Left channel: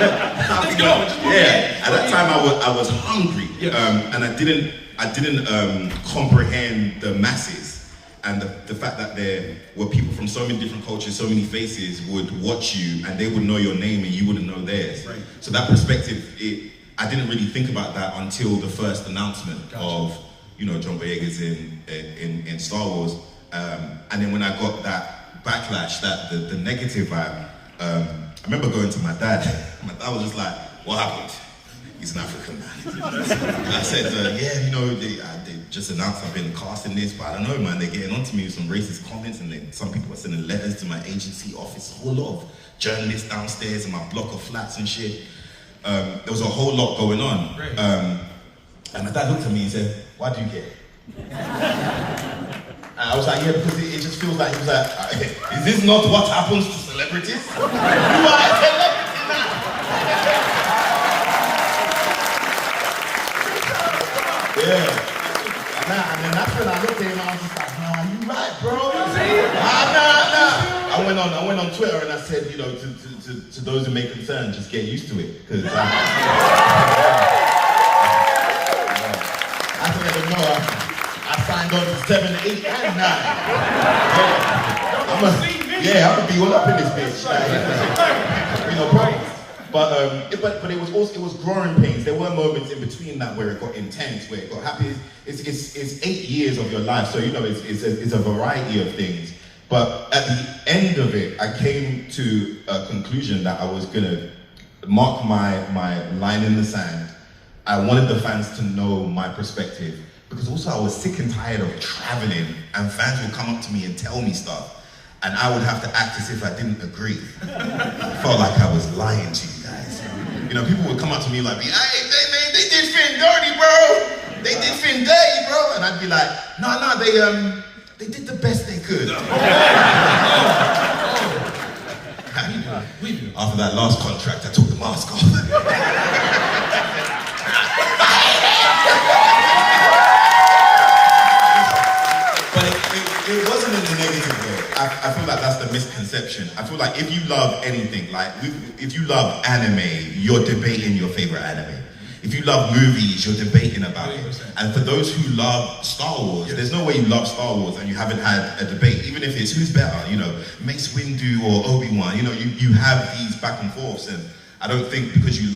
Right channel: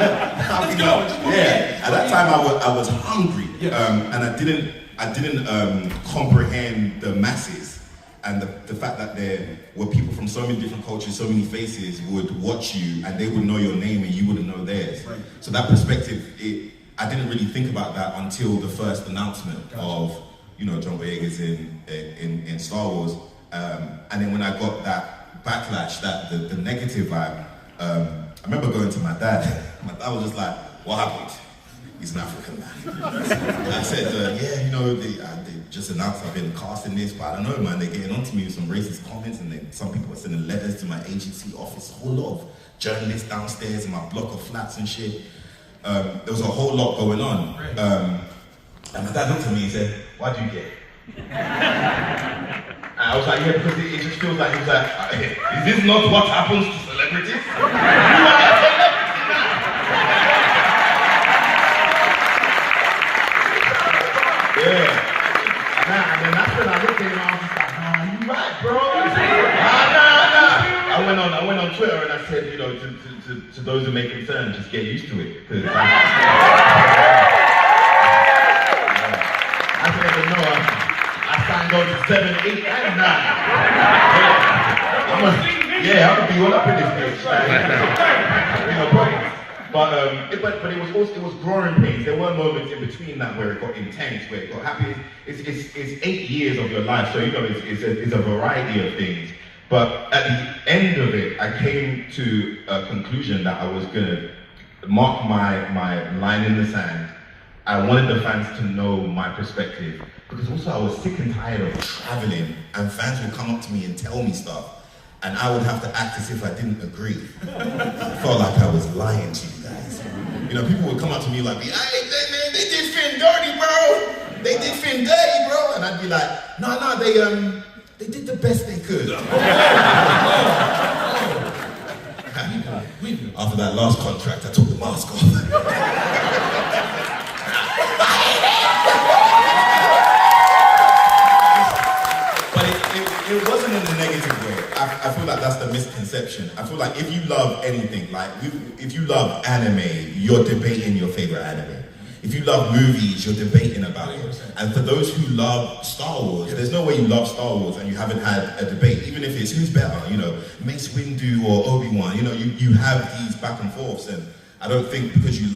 Yeah, at that time I was hungry, and I didn't comprehend the masses. And the fact that there were people from so many different cultures, so many faces would watch you and they would know your name and you wouldn't know theirs. Right. So that perspective, I didn't really think about that until the first announcement of, John Boyega's in Star Wars. And then when I got that backlash, the negative vibe, I remember going to my dad. My dad was just like, "What happened?" He's an African man. I said, they just announced I've been cast in this, but I don't know, man, they're getting onto me with some racist comments, and then some people are sending letters to my agency office, a whole lot of journalists downstairs in my block of flats and shit. There was a whole lot going on. And my dad looked at me and said, "Why do you care?" And I was like, "Yeah, because it just feels like," he was like, "Is this not what happens to celebrities? You are a celebrity." Yeah. And then that's when I looked at him and I was just like, "No, you right, bro." I went on Twitter and I said, to those who may concern, just get used to it. Because I didn't know I signed on to 7, 8, and 9. I'm gonna be all up in this bitch. But it was growing pains. There were moments in between that where it got intense, where it got happy. It's 8 years of your life, so it's a variety of things. But at the end of it, I came to a conclusion that I was gonna mark my line in the sand. I wanted the fans to know my perspective, because also I was sick and tired of traveling and fans would come up to me and tell me stuff, and I would have to act as if I didn't agree. I felt like I was lying to you guys. People would come up to me like, "Hey, they did Finn dirty, bro. They did Finn dirty, bro." And I'd be like, "No, they did the best they could." After that last contract, I took the mask off. It wasn't in the negative way. I feel like that's the misconception. I feel like if you love anything, if you love anime, you're debating your favorite anime. If you love movies, you're debating about it. And for those who love Star Wars, there's no way you love Star Wars and you haven't had a debate, even if it's who's better, Mace Windu or Obi-Wan, you have these back and forths, and I don't think because you